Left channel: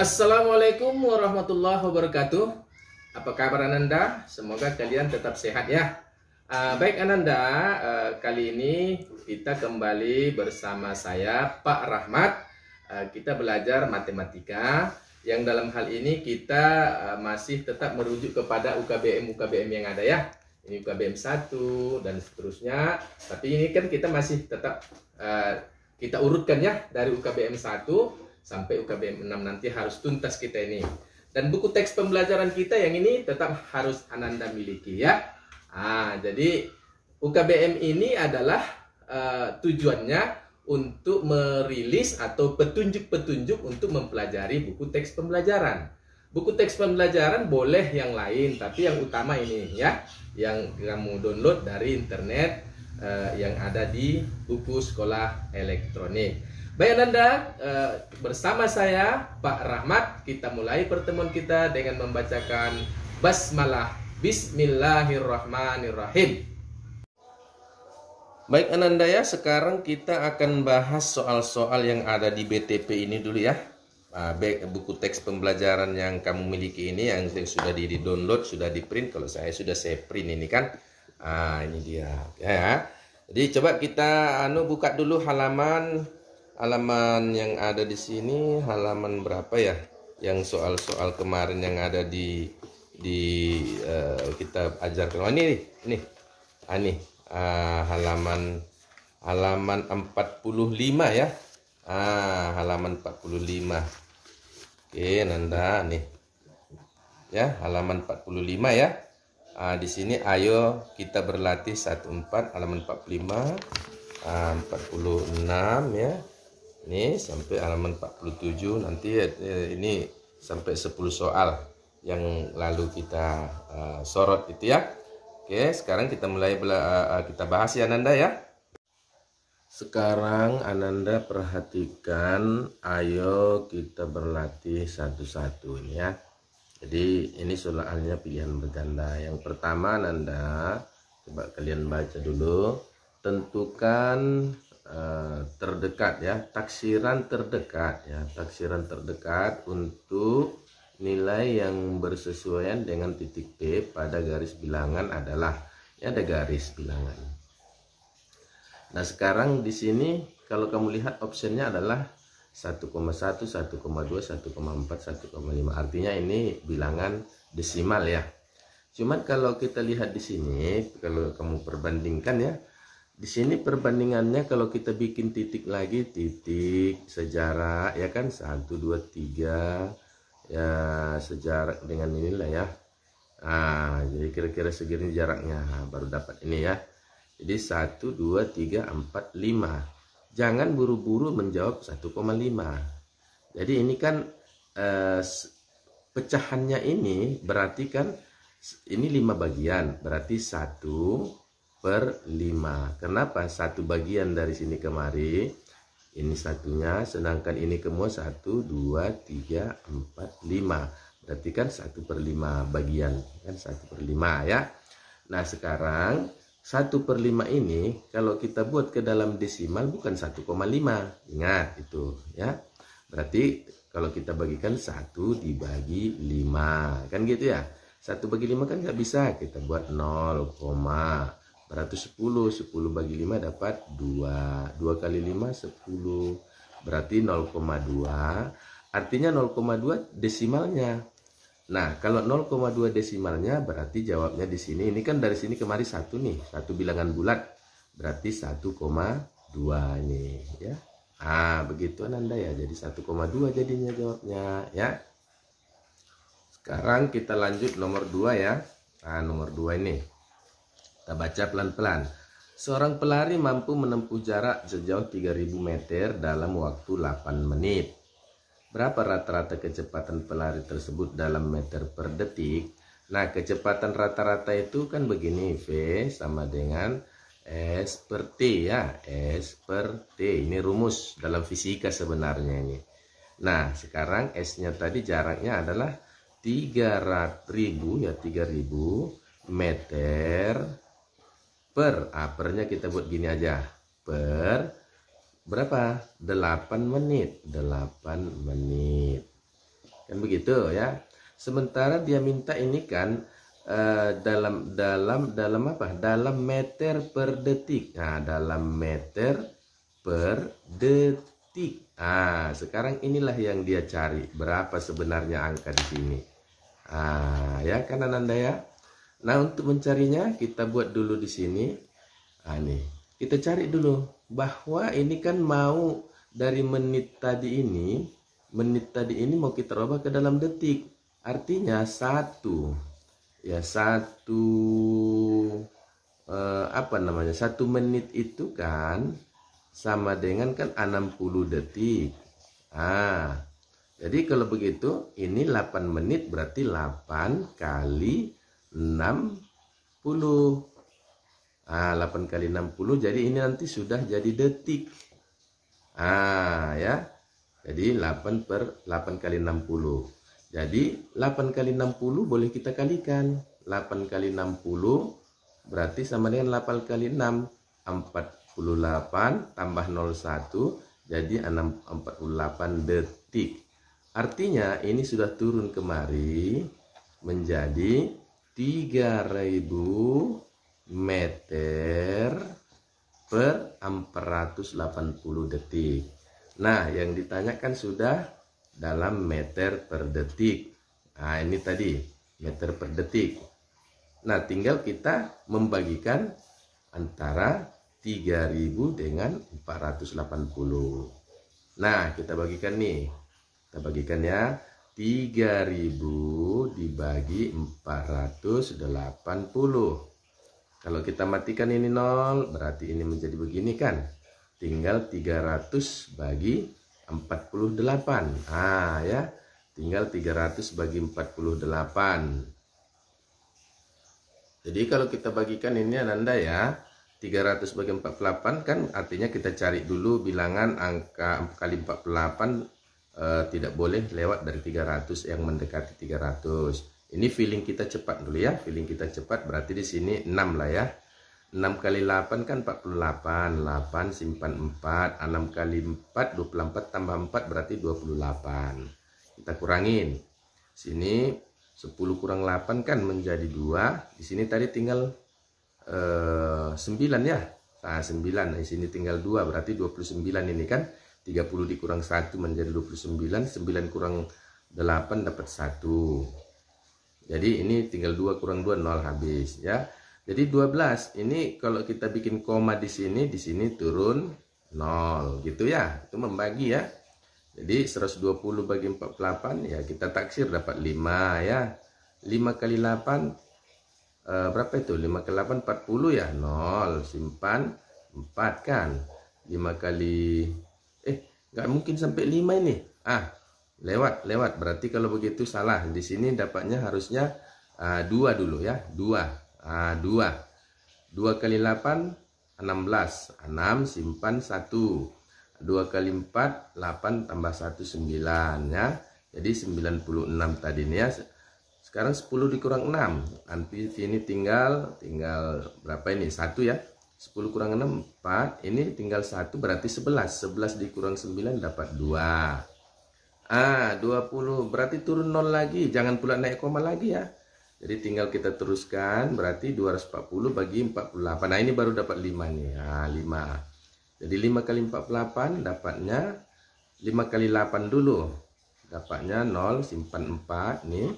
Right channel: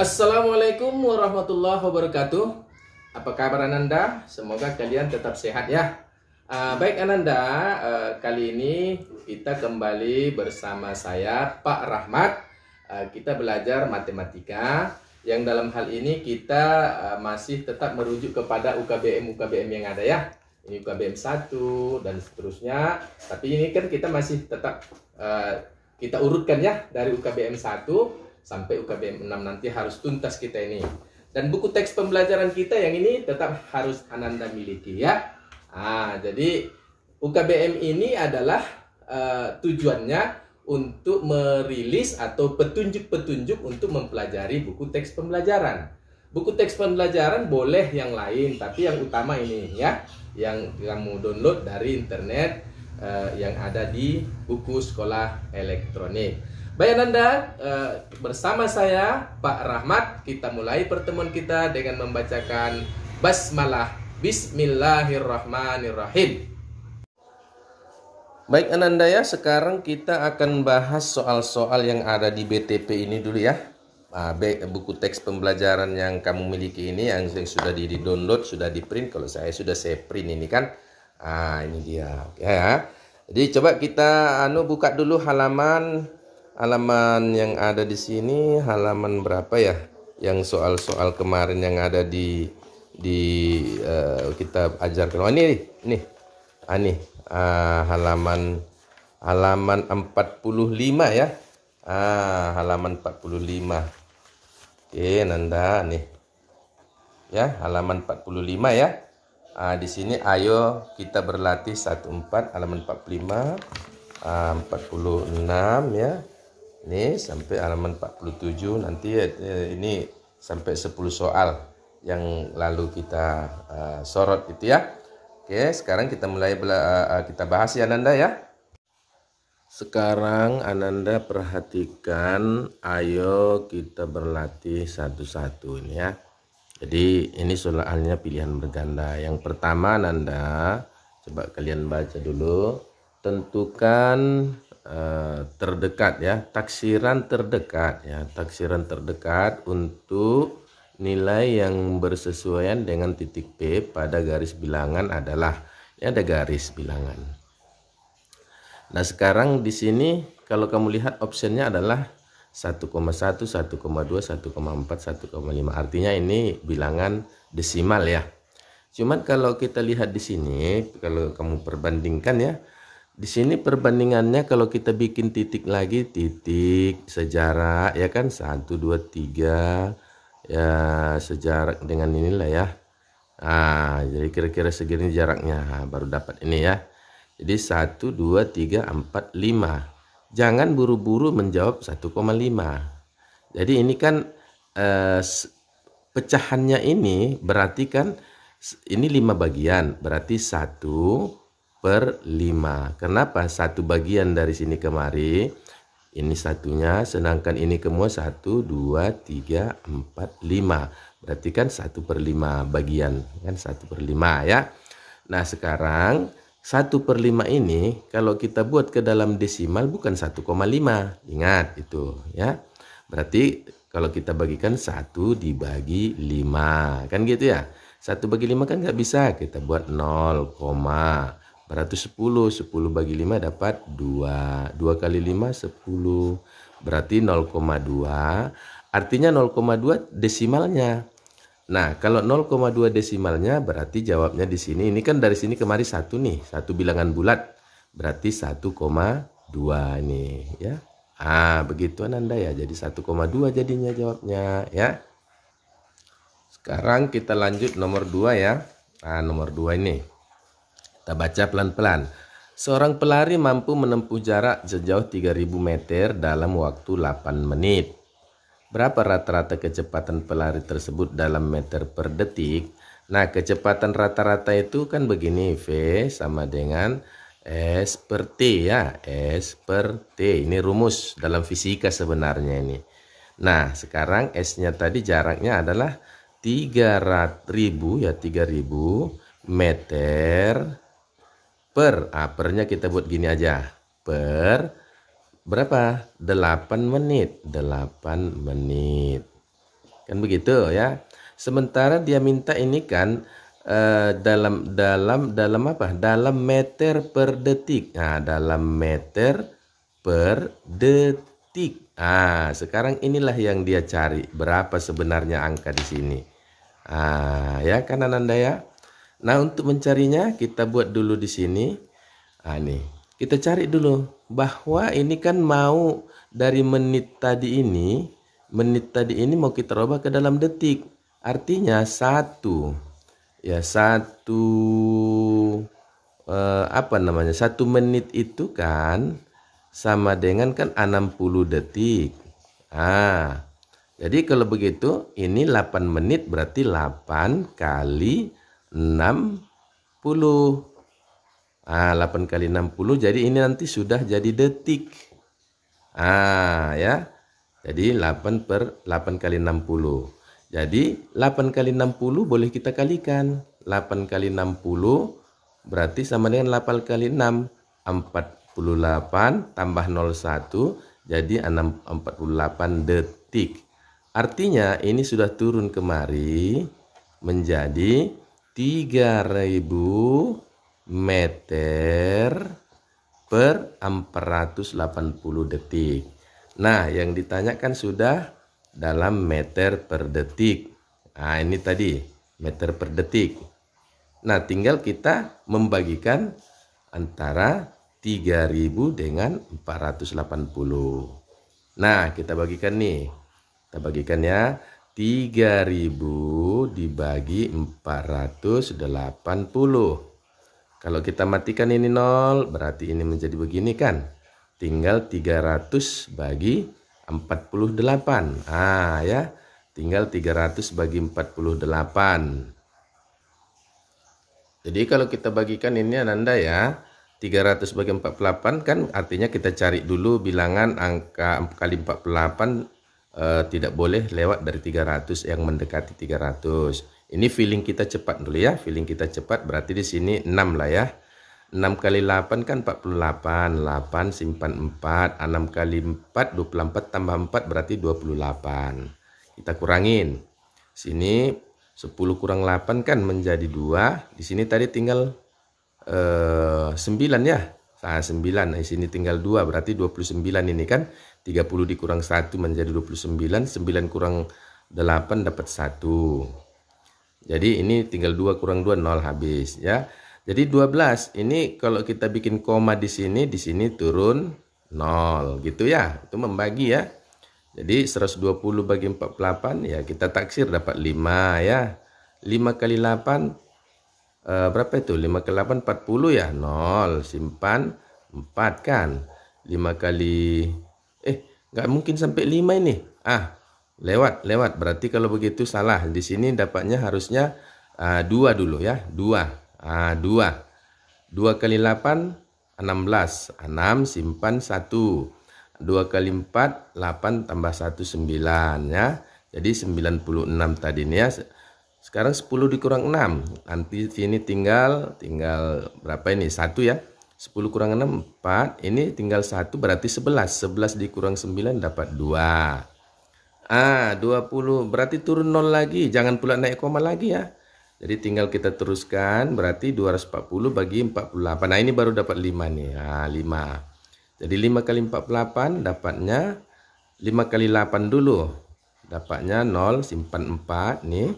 Assalamualaikum warahmatullahi wabarakatuh. Apa kabar Ananda? Semoga kalian tetap sehat ya. Baik Ananda, kali ini kita kembali bersama saya Pak Rahmat. Kita belajar matematika yang dalam hal ini kita masih tetap merujuk kepada UKBM yang ada ya. Ini UKBM 1 dan seterusnya. Tapi ini kan kita masih tetap kita urutkan ya dari UKBM 1 sampai UKBM 6 nanti harus tuntas kita ini. Dan buku teks pembelajaran kita yang ini tetap harus Ananda miliki ya. Jadi UKBM ini adalah tujuannya untuk merilis atau petunjuk-petunjuk untuk mempelajari buku teks pembelajaran. Buku teks pembelajaran boleh yang lain, tapi yang utama ini ya, yang kamu download dari internet yang ada di buku sekolah elektronik. Baik Ananda, bersama saya Pak Rahmat, kita mulai pertemuan kita dengan membacakan basmalah. Bismillahirrahmanirrahim. Baik Ananda ya, sekarang kita akan bahas soal-soal yang ada di BTP ini dulu ya. Buku teks pembelajaran yang kamu miliki ini, yang sudah di-download, sudah di-print. Kalau saya sudah print ini kan. Ini dia ya. Jadi coba kita buka dulu halaman yang ada di sini, halaman berapa ya? Yang soal-soal kemarin yang ada di kita ajarkan. Oh ini. Halaman 45 ya. Halaman 45. Oke, Nanda nih. Ya, halaman 45 ya. Di sini ayo kita berlatih 14 halaman 45, 46 ya. Ini sampai halaman 47, nanti ini sampai 10 soal yang lalu kita sorot itu ya. Oke, sekarang kita mulai kita bahas ya Ananda ya. Sekarang Ananda perhatikan, ayo kita berlatih satu-satu ini ya. Jadi ini soalnya pilihan berganda. Yang pertama Ananda, coba kalian baca dulu. Tentukan terdekat ya, taksiran terdekat ya, taksiran terdekat untuk nilai yang bersesuaian dengan titik P pada garis bilangan adalah, ya ada garis bilangan. Nah sekarang di sini kalau kamu lihat optionnya adalah 1,1, 1,2, 1,4, 1,5, artinya ini bilangan desimal ya. Cuman kalau kita lihat di sini, kalau kamu perbandingkan ya, di sini perbandingannya kalau kita bikin titik lagi, titik sejarak ya kan, 1, 2, 3 ya, sejarak dengan inilah ya. Jadi kira-kira segini jaraknya, baru dapat ini ya. Jadi 1, 2, 3, 4, 5. Jangan buru-buru menjawab 1,5. Jadi ini kan pecahannya ini berarti kan ini 5 bagian, berarti 1/5. Kenapa? 1 bagian dari sini kemari, ini satunya, sedangkan ini semua 1, 2, 3, 4, 5. Berarti kan 1/5 bagian, kan 1/5 ya. Nah sekarang 1/5 ini kalau kita buat ke dalam desimal bukan 1,5. Ingat itu ya. Berarti kalau kita bagikan 1 dibagi 5, kan gitu ya. 1 bagi 5 kan nggak bisa, kita buat 0, berarti 10 bagi 5 dapat 2 kali 5 10, berarti 0,2, artinya 0,2 desimalnya. Nah kalau 0,2 desimalnya berarti jawabnya di sini, ini kan dari sini kemari 1 nih, 1 bilangan bulat, berarti 1,2 ini ya. Begitu Ananda ya, jadi 1,2 jadinya jawabnya ya. Sekarang kita lanjut nomor 2 ya. Nomor 2 ini kita baca pelan-pelan. Seorang pelari mampu menempuh jarak sejauh 3000 meter dalam waktu 8 menit. Berapa rata-rata kecepatan pelari tersebut dalam meter per detik? Nah, kecepatan rata-rata itu kan begini, V sama dengan S per T ya. S per T, ini rumus dalam fisika sebenarnya ini. Nah, sekarang S-nya tadi jaraknya adalah 3000 meter per, pernya kita buat gini aja, per berapa? 8 menit. 8 menit. Kan begitu ya. Sementara dia minta ini kan dalam apa? Dalam meter per detik. Nah, dalam meter per detik. Ah, sekarang inilah yang dia cari. Berapa sebenarnya angka di sini? Ah, ya kan Ananda ya. Nah, untuk mencarinya kita buat dulu di sini. Ah, nih. Kita cari dulu bahwa ini kan mau dari menit tadi ini mau kita rubah ke dalam detik. Artinya satu apa namanya? 1 menit itu kan sama dengan kan 60 detik. Ah, jadi kalau begitu ini 8 menit berarti 8 kali 60. Ah, 8 kali 60 jadi ini nanti sudah jadi detik. Ah, ya. Jadi 8 kali 60. Jadi 8 kali 60 boleh kita kalikan. 8 kali 60 berarti sama dengan 8 kali 6. 48 tambah 01 jadi 48 detik. Artinya ini sudah turun kemari menjadi 3000 meter per 480 detik. Nah, yang ditanyakan sudah dalam meter per detik. Nah, ini tadi meter per detik. Nah, tinggal kita membagikan antara 3000 dengan 480. Nah, kita bagikan nih. Kita bagikan ya. 3000 dibagi 480. Kalau kita matikan ini 0, berarti ini menjadi begini kan. Tinggal 300 bagi 48. Ah ya, tinggal 300 bagi 48. Jadi kalau kita bagikan ini Ananda ya, 300 bagi 48 kan artinya kita cari dulu bilangan angka kali 48 tidak boleh lewat dari 300 yang mendekati 300. Ini feeling kita cepat dulu ya. Feeling kita cepat berarti di sini 6 lah ya. 6 kali 8 kan 48. 8 simpan 4. 6 kali 4 24 tambah 4 berarti 28. Kita kurangin. Sini 10 kurang 8 kan menjadi 2. Di sini tadi tinggal 9 ya. Nah, 9. Di sini tinggal 2 berarti 29 ini kan. 30 dikurang 1 menjadi 29. 9 kurang 8 dapat 1. Jadi ini tinggal 2 kurang 2 0 habis ya. Jadi 12 ini kalau kita bikin koma di sini turun 0 gitu ya. Itu membagi ya. Jadi 120 bagi 48 ya kita taksir dapat 5 ya. 5 kali 8 berapa itu? 5 kali 8 40 ya. 0 simpan 4 kan. 5 kali nggak mungkin sampai 5 ini. Ah, lewat berarti kalau begitu salah. Di sini dapatnya harusnya 2 dulu ya. 2 kali 8 16. 6 simpan 1. 2 kali 4 8 tambah 1 9 ya. Jadi 96 tadi nih ya. Sekarang 10 dikurang 6. Nanti sini tinggal berapa ini? 1 ya. 10 kurang 6 4. Ini tinggal 1 berarti 11. 11 dikurang 9 dapat 2. 20 berarti turun 0 lagi. Jangan pula naik koma lagi ya. Jadi tinggal kita teruskan berarti 240 bagi 48. Nah, ini baru dapat 5 nih. 5. Jadi 5 kali 48 dapatnya 5 kali 8 dulu. Dapatnya 0 simpan 4 nih.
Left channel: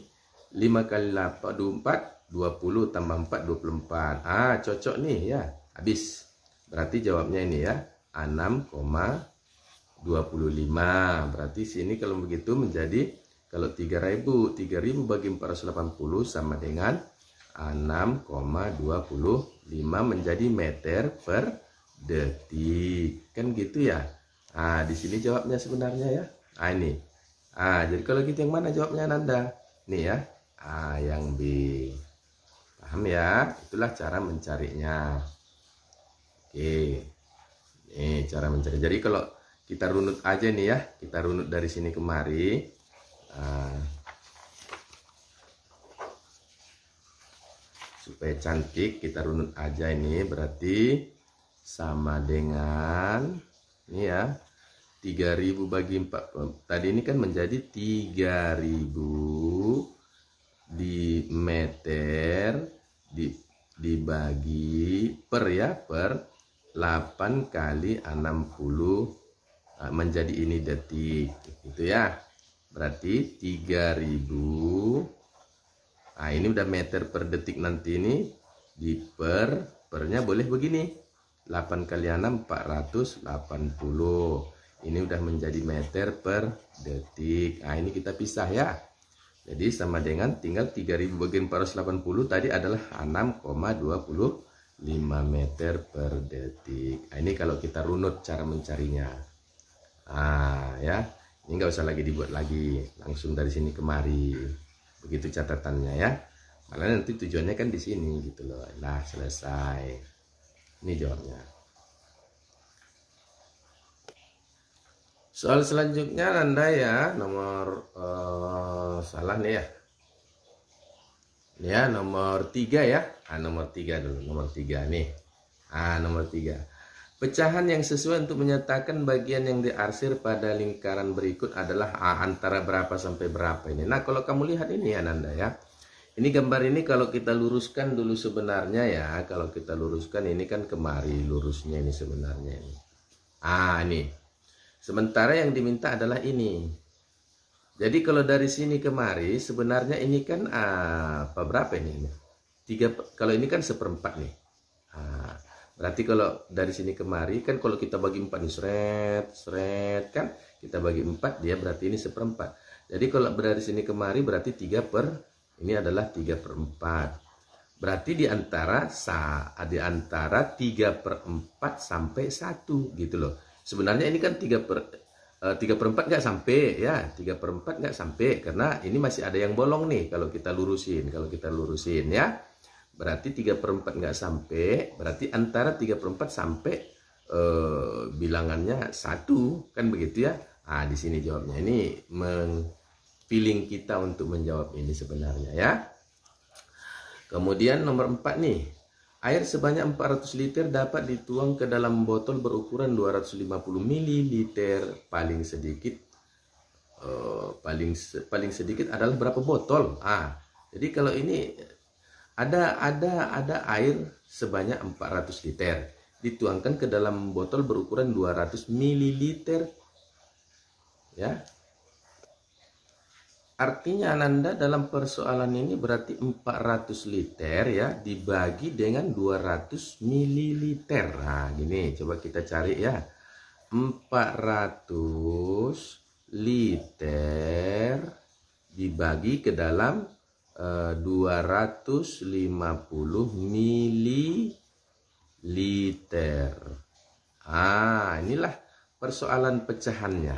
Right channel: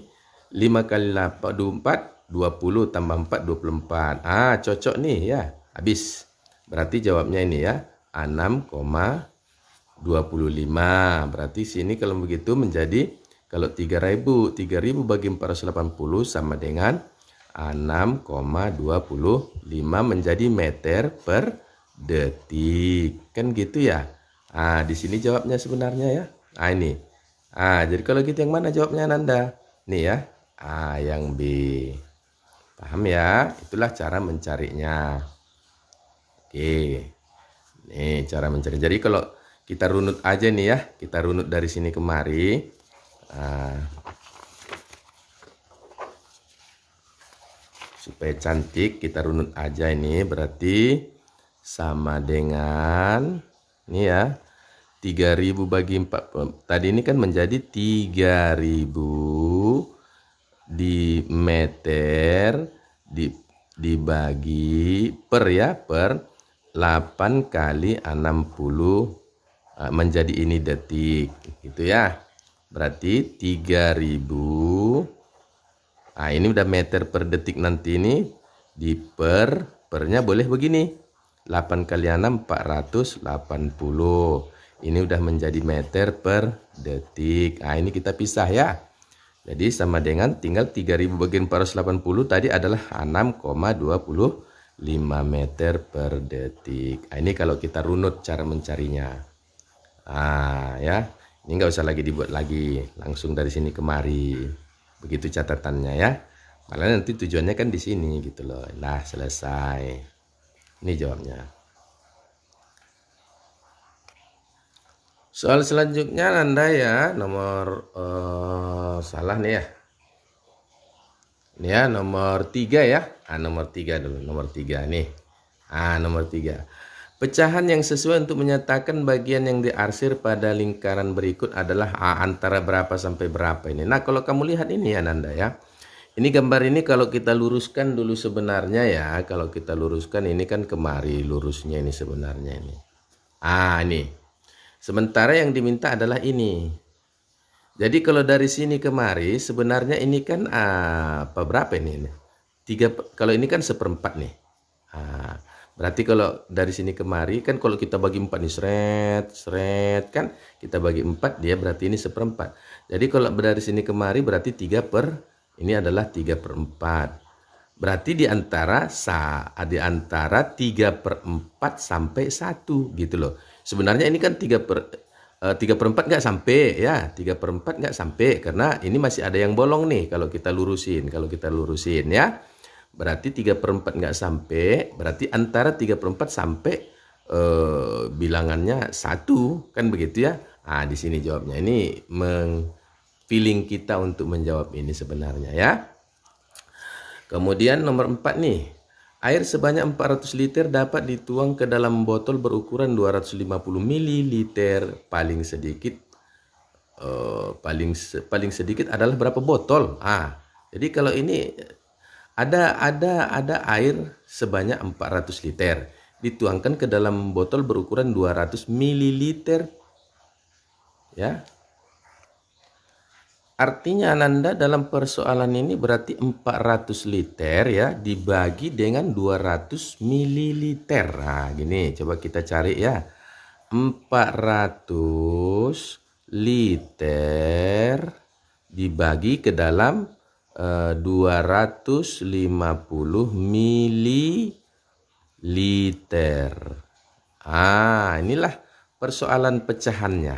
5 kali 4 20 tambah 4 24. Cocok nih ya. Habis. Berarti jawabnya ini ya. 6,25. Berarti sini kalau begitu menjadi kalau 3000 bagi 480 sama dengan 6,25 menjadi meter per detik. Kan gitu ya. Di sini jawabnya sebenarnya ya. Ini. Jadi kalau gitu yang mana jawabnya Nanda? Nih ya. Yang B. Paham ya? Itulah cara mencarinya. Oke. Nih cara mencari. Jadi kalau kita runut aja nih ya. Kita runut dari sini kemari. Supaya cantik kita runut aja ini. Berarti sama dengan ini ya. 3000 bagi 4. Tadi ini kan menjadi 3000 di meter dibagi per ya, per 8 kali 60 menjadi ini detik gitu ya. Berarti 3000. Nah, ini udah meter per detik, nanti ini di pernya boleh begini. 8 kali 6 480. Ini udah menjadi meter per detik. Nah, ini kita pisah ya. Jadi sama dengan tinggal 3000 bagi 480 tadi adalah 6,25 meter per detik. Nah, ini kalau kita runut cara mencarinya. Ah ya, ini nggak usah lagi dibuat lagi, langsung dari sini kemari. Begitu catatannya ya. Malah nanti tujuannya kan di sini gitu loh. Nah, selesai. Ini jawabnya. Soal selanjutnya Anda ya, nomor salah nih ya. Ini ya nomor 3 ya. Nomor 3 dulu, nomor 3 nih. Nomor 3. Pecahan yang sesuai untuk menyatakan bagian yang diarsir pada lingkaran berikut adalah antara berapa sampai berapa ini. Nah, kalau kamu lihat ini ya Nanda ya. Ini gambar ini kalau kita luruskan dulu sebenarnya ya. Kalau kita luruskan ini kan kemari lurusnya ini sebenarnya ini. Ini. Sementara yang diminta adalah ini. Jadi kalau dari sini kemari sebenarnya ini kan berapa ini? 3, kalau ini kan 1/4 nih. Berarti kalau dari sini kemari kan kalau kita bagi 4 nih seret kan kita bagi 4 dia berarti ini 1/4. Jadi kalau dari sini kemari berarti 3/4. Ini adalah 3/4. Berarti di antara 3/4 sampai 1 gitu loh. Sebenarnya ini kan 3/4 nggak sampai ya, 3/4 nggak sampai karena ini masih ada yang bolong nih kalau kita lurusin ya. Berarti 3/4 nggak sampai, berarti antara 3/4 sampai bilangannya 1 kan begitu ya. Di sini jawabnya. Ini feeling kita untuk menjawab ini sebenarnya ya. Kemudian nomor 4 nih. Air sebanyak 400 liter dapat dituang ke dalam botol berukuran 250 ml. Paling sedikit paling sedikit adalah berapa botol? Jadi kalau ini ada air sebanyak 400 liter dituangkan ke dalam botol berukuran 200 ml ya. Artinya Ananda dalam persoalan ini berarti 400 liter ya dibagi dengan 200 ml. Gini coba kita cari ya. 400 liter dibagi ke dalam 250 mililiter. Inilah persoalan pecahannya.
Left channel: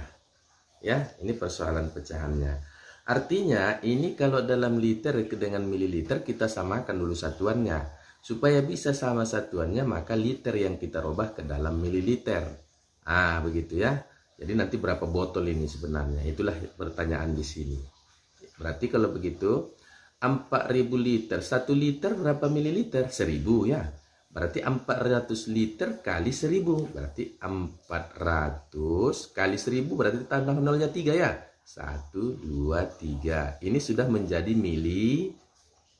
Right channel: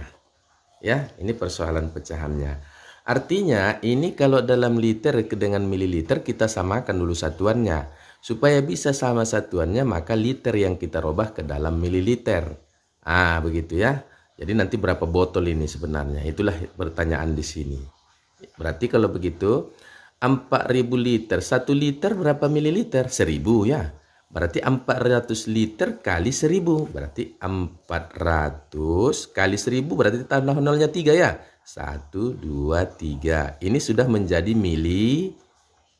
Ya, ini persoalan pecahannya. Artinya ini kalau dalam liter dengan mililiter kita samakan dulu satuannya. Supaya bisa sama satuannya maka liter yang kita rubah ke dalam mililiter. Begitu ya. Jadi nanti berapa botol ini sebenarnya? Itulah pertanyaan di sini. Berarti kalau begitu 4000 liter, 1 liter berapa mililiter? 1000 ya. Berarti 400 liter kali 1000. Berarti 400 kali 1000 berarti tambah nolnya 3 ya. 1, 2, 3. Ini sudah menjadi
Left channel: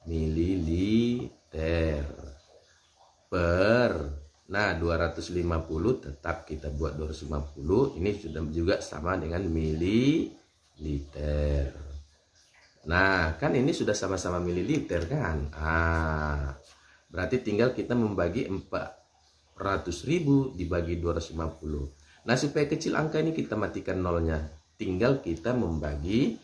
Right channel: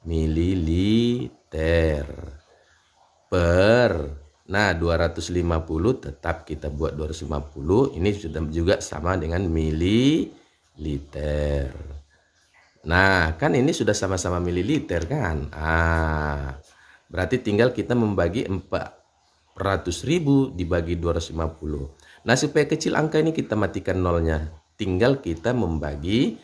mililiter per. Nah 250 tetap kita buat 250. Ini sudah juga sama dengan mililiter. Nah kan ini sudah sama-sama mililiter kan. Berarti tinggal kita membagi 400.000 dibagi 250. Nah supaya kecil angka ini kita matikan nolnya. Tinggal kita membagi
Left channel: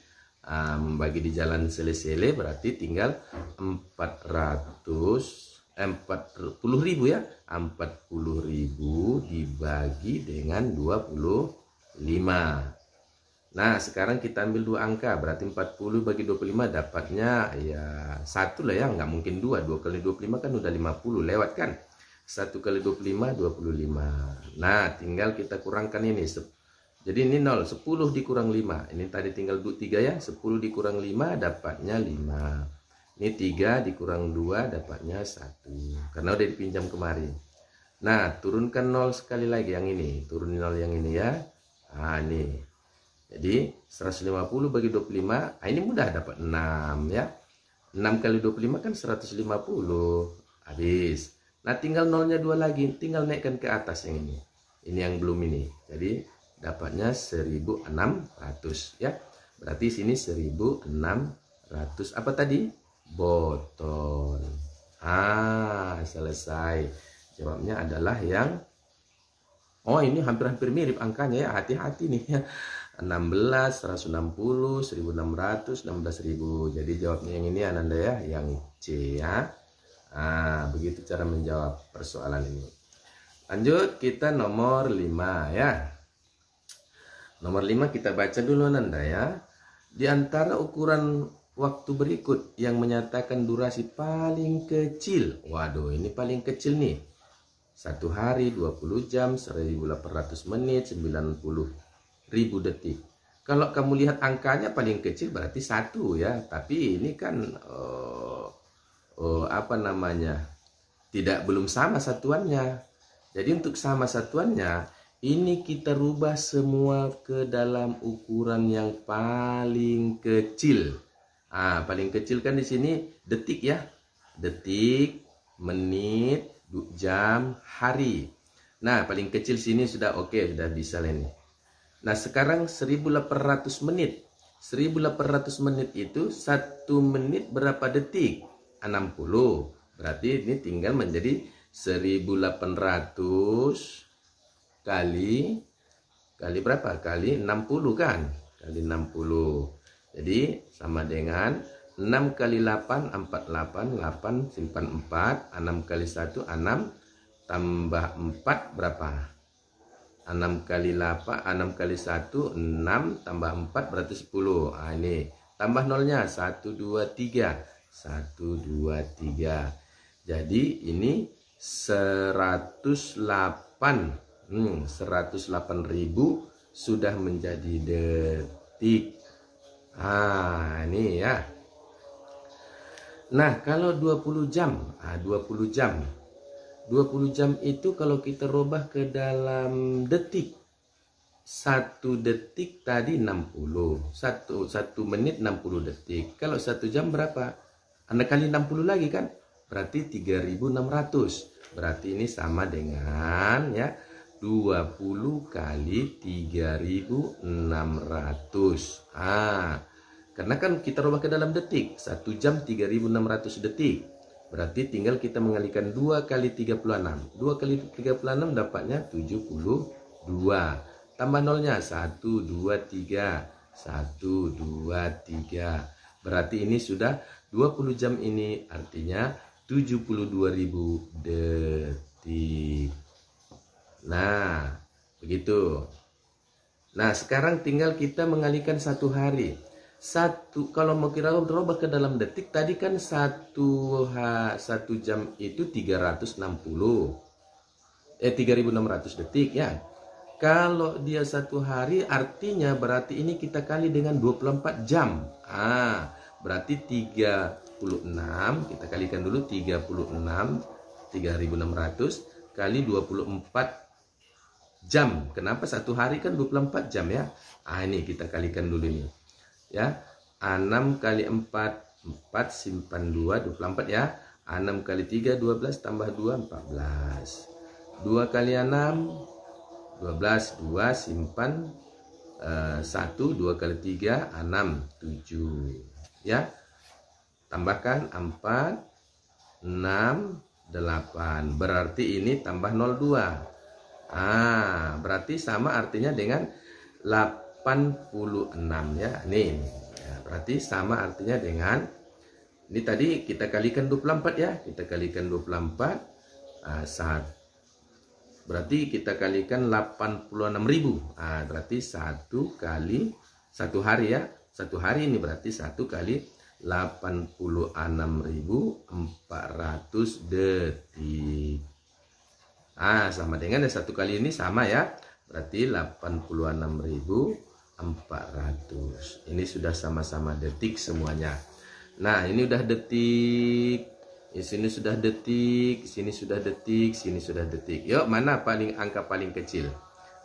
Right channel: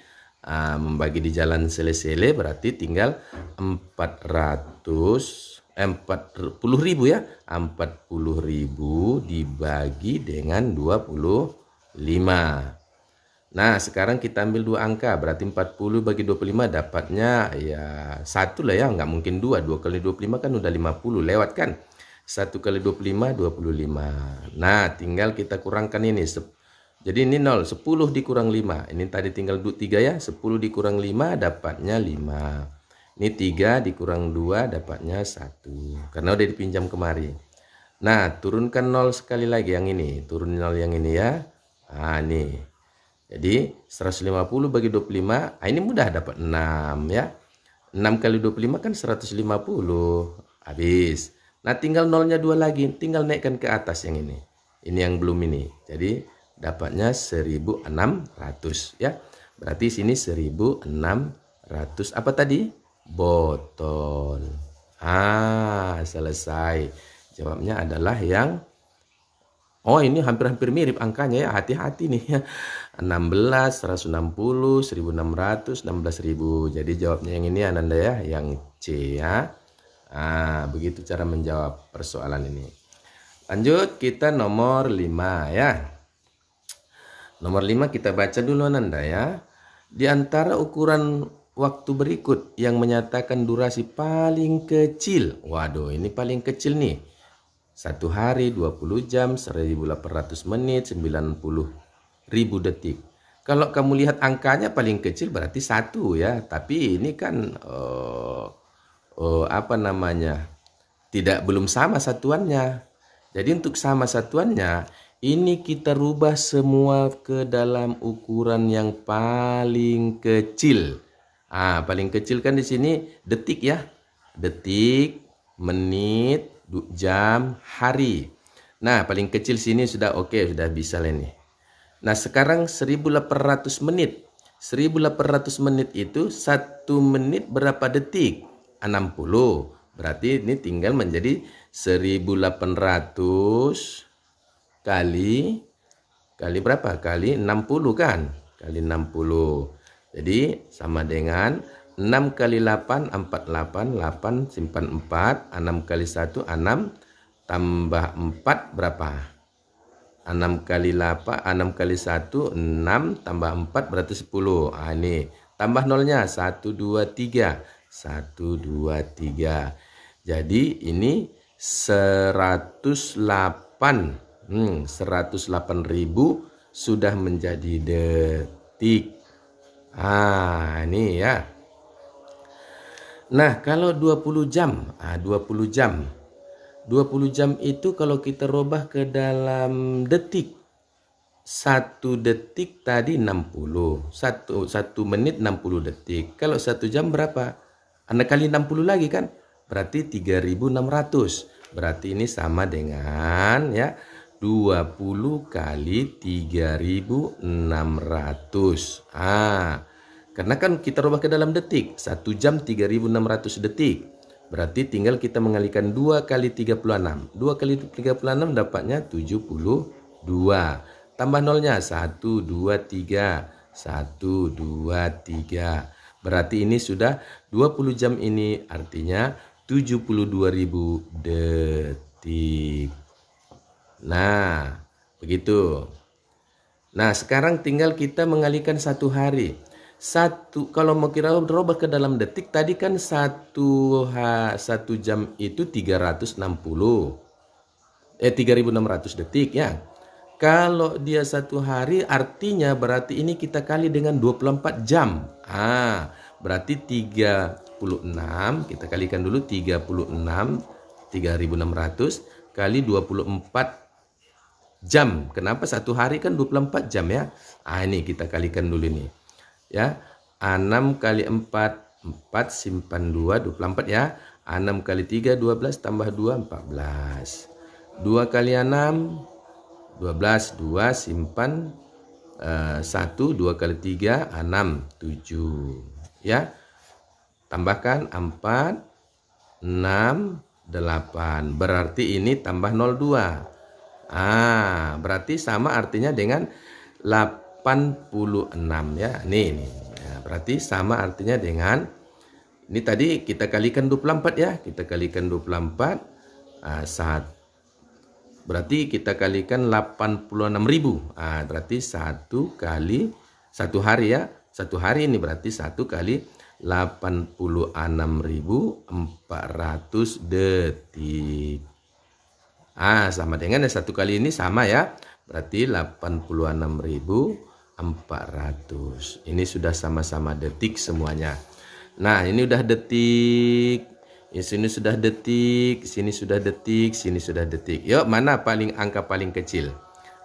di jalan sele-sele berarti tinggal 40.000 ya. 40.000 dibagi dengan 25. Nah sekarang kita ambil 2 angka berarti 40 bagi 25 dapatnya ya 1 lah ya, nggak mungkin 2. 2 kali 25 kan udah 50 lewat kan. 1 kali 25 25. Nah tinggal kita kurangkan ini. Jadi ini 0, 10 dikurang 5. Ini tadi tinggal 3 ya. 10 dikurang 5 dapatnya 5. Ini 3 dikurang 2 dapatnya 1. Karena udah dipinjam kemari. Nah turunkan 0 sekali lagi yang ini. Turun 0 yang ini ya. Nah, nih. Jadi 150 bagi 25, ini mudah dapat 6 ya. 6 kali 25 kan 150. Habis. Nah, tinggal nolnya 2 lagi, tinggal naikkan ke atas yang ini. Ini yang belum ini. Jadi dapatnya 1600 ya. Berarti sini 1600 apa tadi? Botol. Selesai. Jawabnya adalah yang ini hampir-hampir mirip angkanya ya. Hati-hati nih ya. 16, 160, 1600, 16.000. Jadi jawabnya yang ini Ananda ya, yang C ya. Begitu cara menjawab persoalan ini. Lanjut kita nomor 5 ya. Nomor 5 kita baca dulu Ananda ya. Di antara ukuran waktu berikut yang menyatakan durasi paling kecil. Waduh, ini paling kecil nih. 1 hari, 20 jam, 1800 menit, 90.000 detik. Kalau kamu lihat angkanya paling kecil berarti 1 ya. Tapi ini kan belum sama satuannya. Jadi untuk sama satuannya, ini kita rubah semua ke dalam ukuran yang paling kecil. Paling kecil kan di sini detik ya. Detik, menit, jam, hari. Nah, paling kecil sini sudah oke, sudah bisa lah ini. Nah, sekarang 1800 menit. 1800 menit itu 1 menit berapa detik? 60. Berarti ini tinggal menjadi 1800 kali berapa? Kali 60 kan? Kali 60. Jadi sama dengan 6 kali 8, 48, 8 simpan 4, 6 kali 1, 6, tambah 4 berapa? 6 kali 8, 6 kali 1, 6, tambah 4 berarti 10. Ini tambah nolnya, 1, 2, 3. 1, 2, 3. Jadi ini 108.000 sudah menjadi detik. Ini ya. Nah, kalau 20 jam, 20 jam itu kalau kita rubah ke dalam detik, 1 detik tadi 60, 1 menit 60 detik. Kalau 1 jam berapa? Anda kali 60 lagi kan? Berarti 3600. Berarti ini sama dengan ya 20 kali 3600. Karena kan kita rubah ke dalam detik, 1 jam 3600 detik. Berarti tinggal kita mengalihkan 2 kali 36. 2 kali 36 dapatnya 72. Tambah nolnya 1, 2, 3. 1, 2, 3. Berarti ini sudah 20 jam ini artinya 72.000 detik. Nah, begitu. Nah, sekarang tinggal kita mengalihkan 1 hari. Kalau mau kira berubah ke dalam detik tadi kan 1 jam itu 3600 detik ya. Kalau dia 1 hari artinya berarti ini kita kali dengan 24 jam. Berarti 36 kita kalikan dulu 3600 kali 24 jam. Kenapa 1 hari kan 24 jam ya. Ini kita kalikan dulu nih. Ya, 6 kali 4, 4 simpan 2, 24 ya. 6 kali 3, 12 tambah 2, 14. 2 kali 6, 12, 2 simpan 1, 2 kali 3, 6, 7. Ya, tambahkan 4, 6, 8. Berarti ini tambah 02. Berarti sama artinya dengan 86 ya. Ini. Berarti sama artinya dengan ini tadi kita kalikan 24 ya. Kita kalikan 24 berarti kita kalikan 86.000. Berarti 1 kali 1 hari ya. 1 hari ini berarti 1 kali 86.400 detik. Sama dengan 1 kali ini sama ya. Berarti 86.400. Ini sudah sama-sama detik semuanya. Nah, ini udah detik. Ya, sini sudah detik, sini sudah detik, sini sudah detik. Yuk, mana angka paling kecil?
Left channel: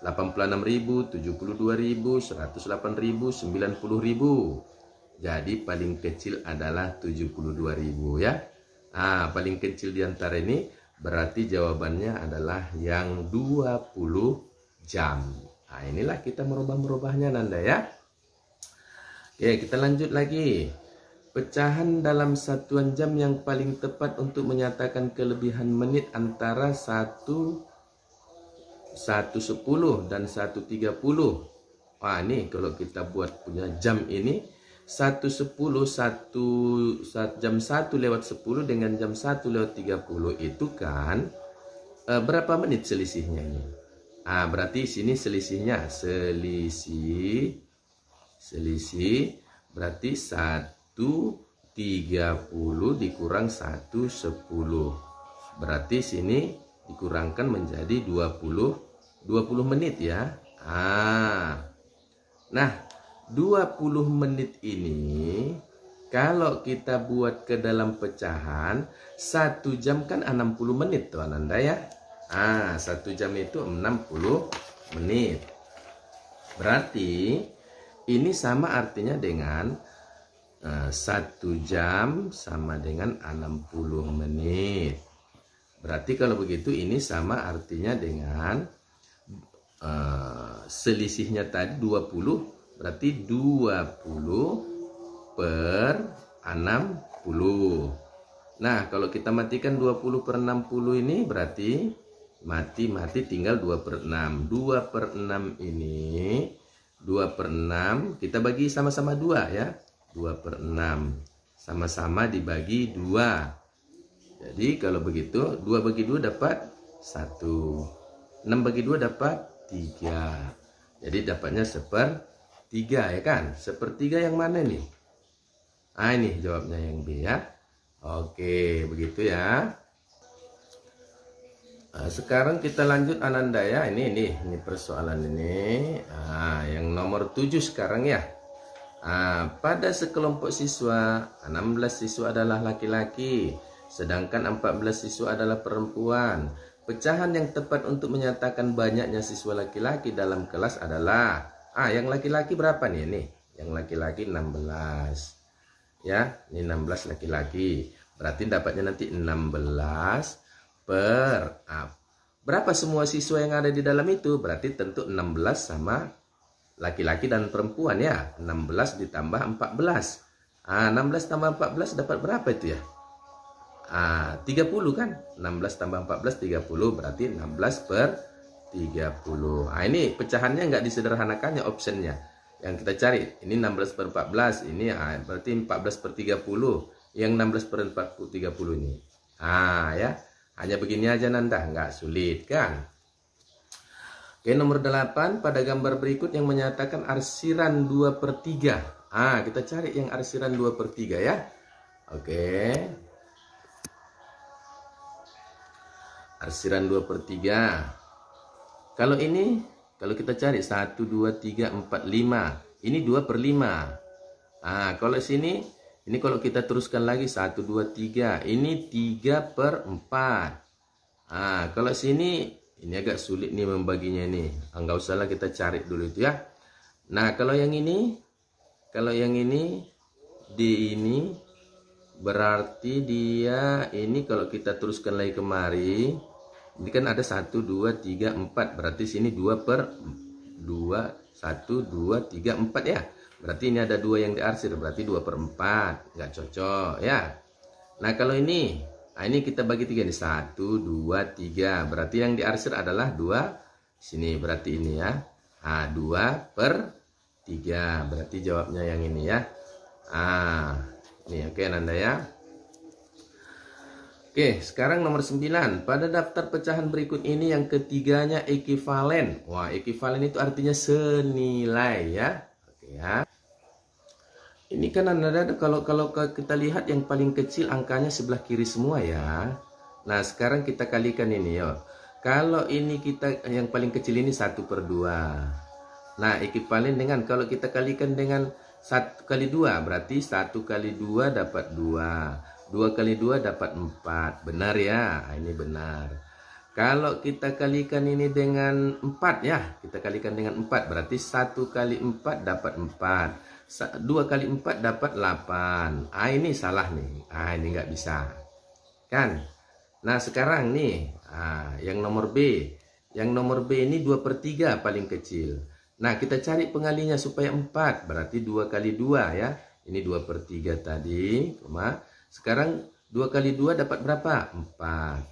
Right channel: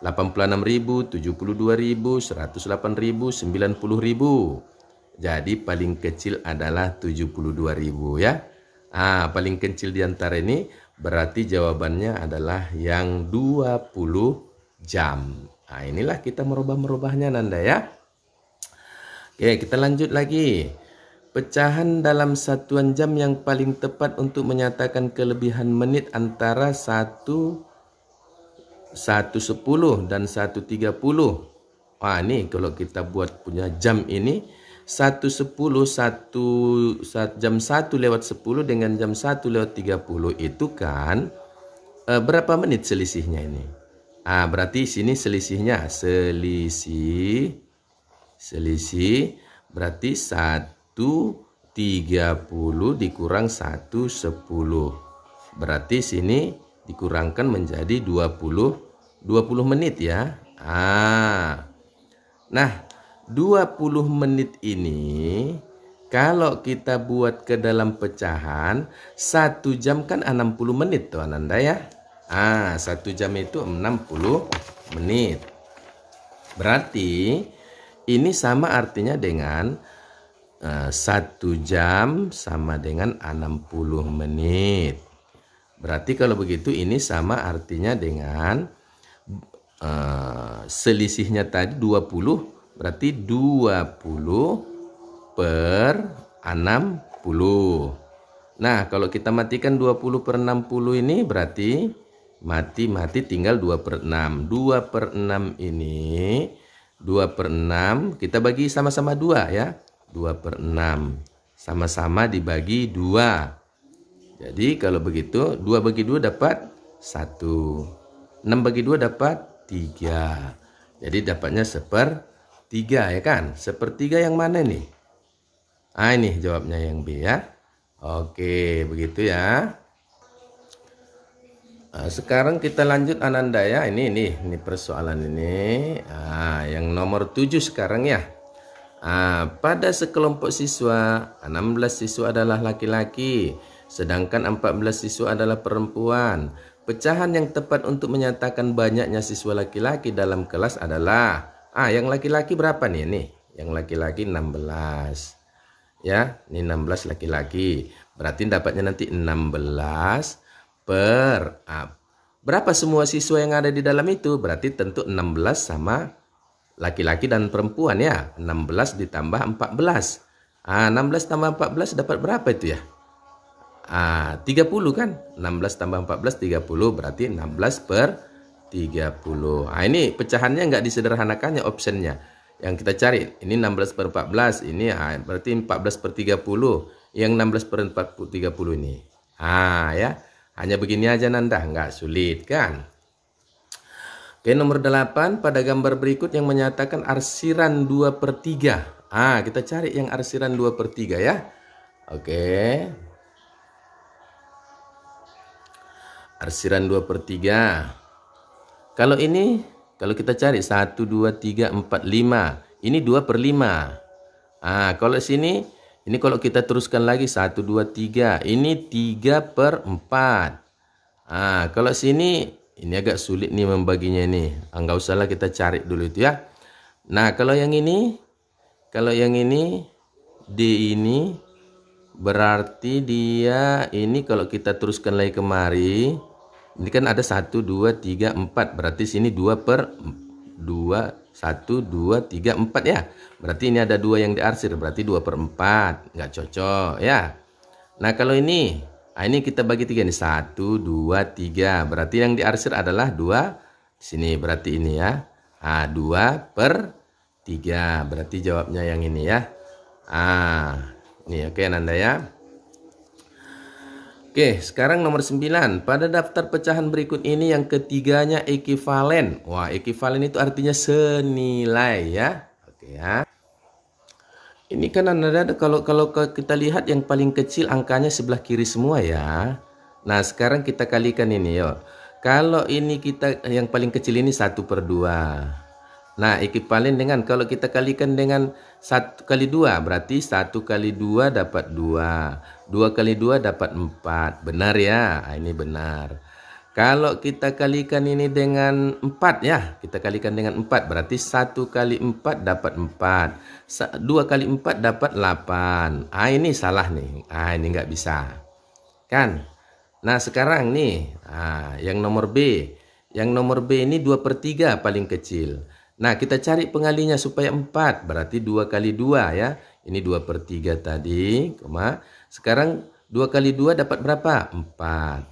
86.000, 72.000, 108.000, 90.000. Jadi paling kecil adalah 72.000 ya. Paling kecil di antara ini berarti jawabannya adalah yang 20 jam. Inilah kita merubah-merubahnya Nanda ya. Oke, kita lanjut lagi. Pecahan dalam satuan jam yang paling tepat untuk menyatakan kelebihan menit antara 1:10 dan 1:30. Ini kalau kita buat punya jam ini 1:10 jam 1:10 dengan jam 1:30 itu kan berapa menit selisihnya ini? Berarti sini selisihnya selisih berarti 1:30 dikurang 1:10. Berarti sini dikurangkan menjadi 20 menit ya. Nah, 20 menit ini kalau kita buat ke dalam pecahan 1 jam kan 60 menit tuh Ananda ya. 1 jam itu 60 menit. Berarti ini sama artinya dengan 1 jam sama dengan 60 menit. Berarti kalau begitu ini sama artinya dengan selisihnya tadi 20. Berarti 20 per 60. Nah kalau kita matikan 20 per 60 ini berarti mati tinggal 2/6. 2/6 ini 2/6 kita bagi sama-sama 2 ya. 2/6 sama-sama dibagi 2. Jadi kalau begitu 2 bagi 2 dapat 1. 6 bagi 2 dapat 3. Jadi dapatnya 1/3 ya kan. 1/3 yang mana nih? Ini jawabnya yang B ya. Oke begitu ya. Sekarang kita lanjut Ananda ya. Ini persoalan ini. Yang nomor 7 sekarang ya. Pada sekelompok siswa 16 siswa adalah laki-laki, sedangkan 14 siswa adalah perempuan. Pecahan yang tepat untuk menyatakan banyaknya siswa laki-laki dalam kelas adalah yang laki-laki berapa nih? Nih, yang laki-laki 16. Ya, ini 16 laki-laki. Berarti dapatnya nanti 16 per berapa semua siswa yang ada di dalam itu? Berarti tentu 16 sama laki-laki dan perempuan ya. 16 ditambah 14. 16 tambah 14 dapat berapa itu ya? 30 kan? 16 tambah 14 30 berarti 16 per 30. Ini pecahannya nggak disederhanakannya optionnya. Yang kita cari ini 16 per 14 ini berarti 14 per 30. Yang 16 per 30 ini. Ya. Hanya begini aja Nanda, nggak sulit kan? Oke, nomor 8 pada gambar berikut yang menyatakan arsiran 2/3. Kita cari yang arsiran 2/3 ya. Oke. Arsiran 2/3. Kalau ini, kalau kita cari 1, 2, 3, 4, 5. Ini 2/5. Kalau sini, ini kalau kita teruskan lagi 1, 2, 3. Ini 3/4. Kalau sini, ini agak sulit nih membaginya ini. Enggak usahlah kita cari dulu itu ya. Nah, kalau yang ini D ini berarti dia ini kalau kita teruskan lagi kemari, ini kan ada 1, 2, 3, 4. Berarti sini 2/2, 1, 2, 3, 4 ya. Berarti ini ada 2 yang diarsir, berarti 2/4. Nggak cocok ya. Nah, kalau ini kita bagi 3 nih. 1, 2, 3. Berarti yang diarsir adalah 2 sini. Berarti ini ya. 2/3. Berarti jawabnya yang ini ya. Ini oke Nanda ya. Oke, sekarang nomor 9. Pada daftar pecahan berikut ini yang ketiganya ekivalen. Ekivalen itu artinya senilai ya. Oke ya. Ini kan Anda kalau kita lihat yang paling kecil angkanya sebelah kiri semua ya. Nah, sekarang kita kalikan ini ya. Kalau ini kita yang paling kecil ini 1/2. Nah, ekivalen dengan kalau kita kalikan dengan 1 kali 2 berarti 1 kali 2 dapat 2. 2 kali 2 dapat 4. Benar ya? Ini benar. Kalau kita kalikan ini dengan 4 ya, kita kalikan dengan 4, berarti 1 kali 4 dapat 4. 2 kali 4 dapat 8. Ini salah nih. Ini nggak bisa. Kan? Nah, sekarang nih, yang nomor B. Yang nomor B ini 2/3 paling kecil. Nah, kita cari pengalinya supaya 4, berarti 2 kali 2 ya. Ini 2/3 tadi, sekarang 2 kali 2 dapat berapa? 4.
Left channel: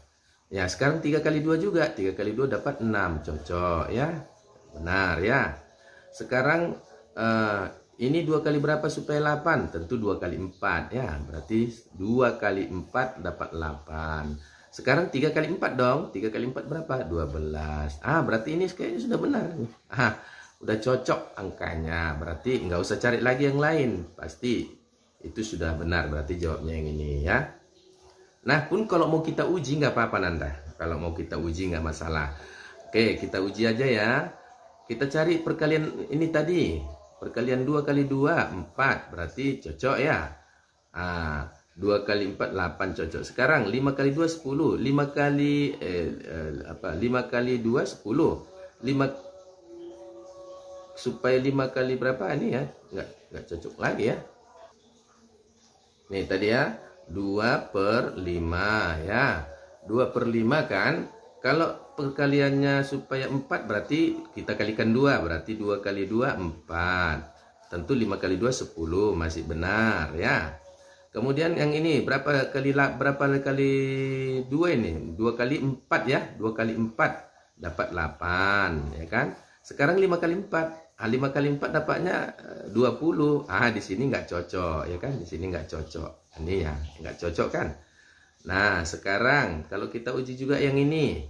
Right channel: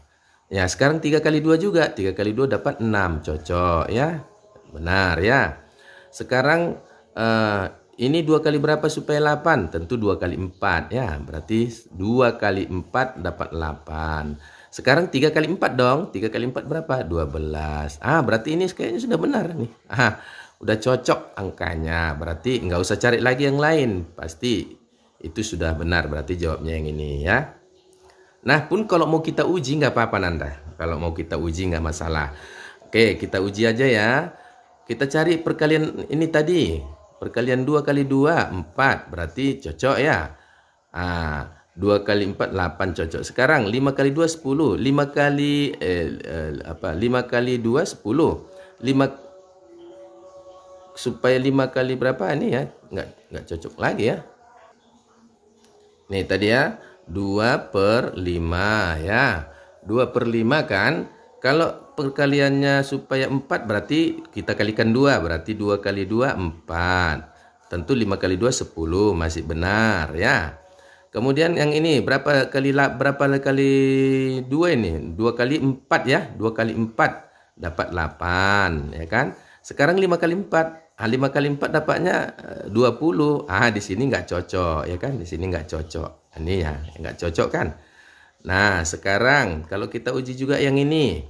Ya, sekarang 3 kali 2 juga. 3 kali 2 dapat 6. Cocok ya. Benar ya. Sekarang ini 2 kali berapa supaya 8? Tentu 2 kali 4 ya. Berarti 2 kali 4 dapat 8. Sekarang 3 kali 4 dong. 3 kali 4 berapa? 12. Berarti ini kayaknya sudah benar nih. Udah cocok angkanya. Berarti nggak usah cari lagi yang lain. Pasti itu sudah benar. Berarti jawabnya yang ini ya. Nah, pun kalau mau kita uji nggak apa-apa Nanda. Kalau mau kita uji nggak masalah. Oke, kita uji aja ya. Kita cari perkalian ini tadi. Perkalian 2 kali 2, 4. Berarti cocok ya. 2 kali 4, 8 cocok. Sekarang 5 kali 2, 10. 5 kali 2, 10. 5 supaya 5 kali berapa ini ya? Nggak cocok lagi ya. Nih tadi ya. 2/5 ya. 2/5 kan. Kalau perkaliannya supaya 4 berarti kita kalikan 2. Berarti 2 kali 2 4. Tentu 5 kali 2 10. Masih benar ya. Kemudian yang ini berapa kali 2 ini? 2 kali 4 ya. 2 kali 4 dapat 8 ya kan. Sekarang 5 kali 4. 5 kali 4 dapatnya 20. Di sini nggak cocok ya kan. Di sini nggak cocok. Ini ya, nggak cocok kan. Nah, sekarang kalau kita uji juga yang ini.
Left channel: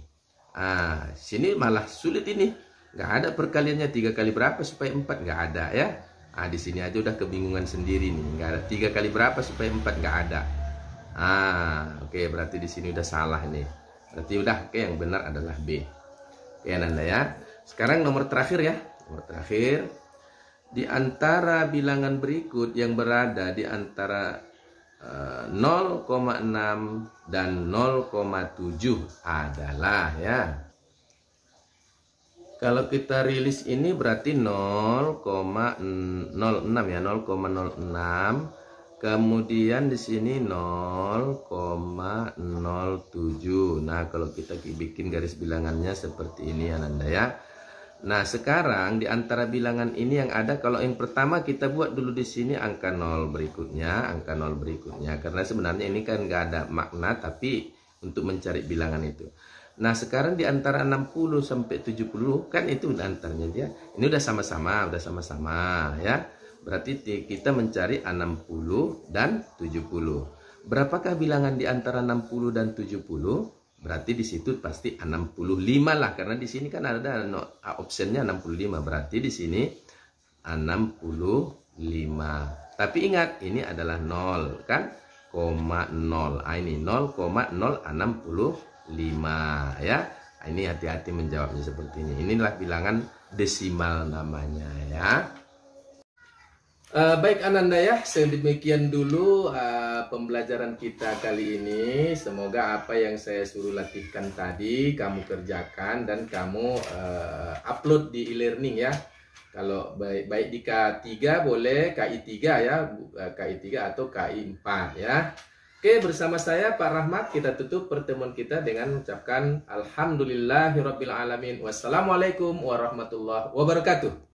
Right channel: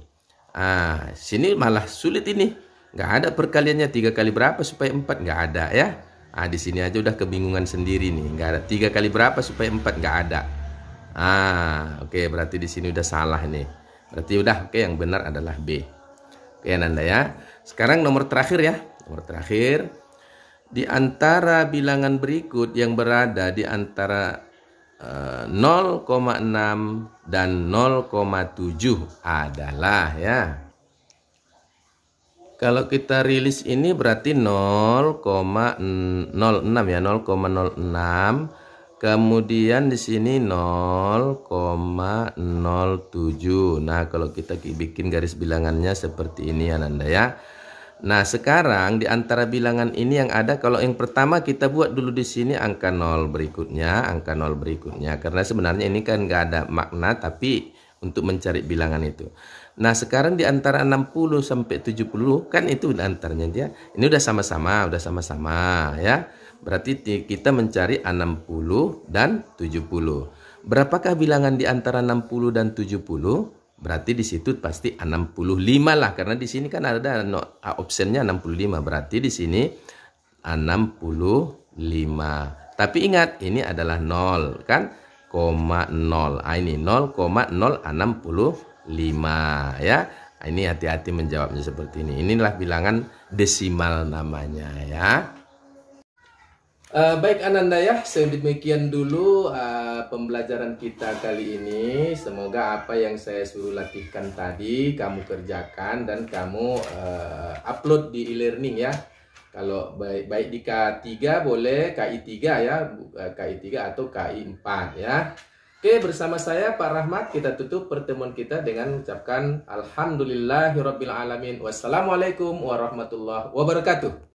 Sini malah sulit ini. Nggak ada perkaliannya 3 kali berapa supaya 4. Nggak ada ya. Di sini aja udah kebingungan sendiri nih. Nggak ada 3 kali berapa supaya 4. Nggak ada. Oke, berarti di sini udah salah nih. Berarti udah, oke, yang benar adalah B. Oke, Nanda ya. Sekarang nomor terakhir ya. Nomor terakhir. Di antara bilangan berikut yang berada di antara 0,6 dan 0,7 adalah ya. Kalau kita rilis ini berarti 0,06 ya, 0,06. Kemudian di sini 0,07. Nah, kalau kita bikin garis bilangannya seperti ini ya Nanda ya. Nah, sekarang di antara bilangan ini yang ada, kalau yang pertama kita buat dulu di sini angka 0 berikutnya, angka 0 berikutnya. Karena sebenarnya ini kan nggak ada makna, tapi untuk mencari bilangan itu. Nah, sekarang di antara 60 sampai 70 kan itu antaranya dia. Ini udah sama-sama ya. Berarti kita mencari 60 dan 70. Berapakah bilangan di antara 60 dan 70? Berarti di situ pasti 65 lah, karena di sini kan ada optionnya 65. Berarti di sini 65. Tapi ingat ini adalah 0 kan, 0. Ini 0,065 ya. Ini hati-hati menjawabnya seperti ini. Inilah bilangan desimal namanya ya. Baik Ananda ya, sedemikian dulu pembelajaran kita kali ini. Semoga apa yang saya suruh latihkan tadi kamu kerjakan dan kamu upload di e-learning ya. Kalau baik di K3 boleh, KI3 ya, KI3 atau KI4 ya. Oke, bersama saya Pak Rahmat kita tutup pertemuan kita dengan mengucapkan Alhamdulillahirabbil alamin. Wassalamualaikum warahmatullahi wabarakatuh.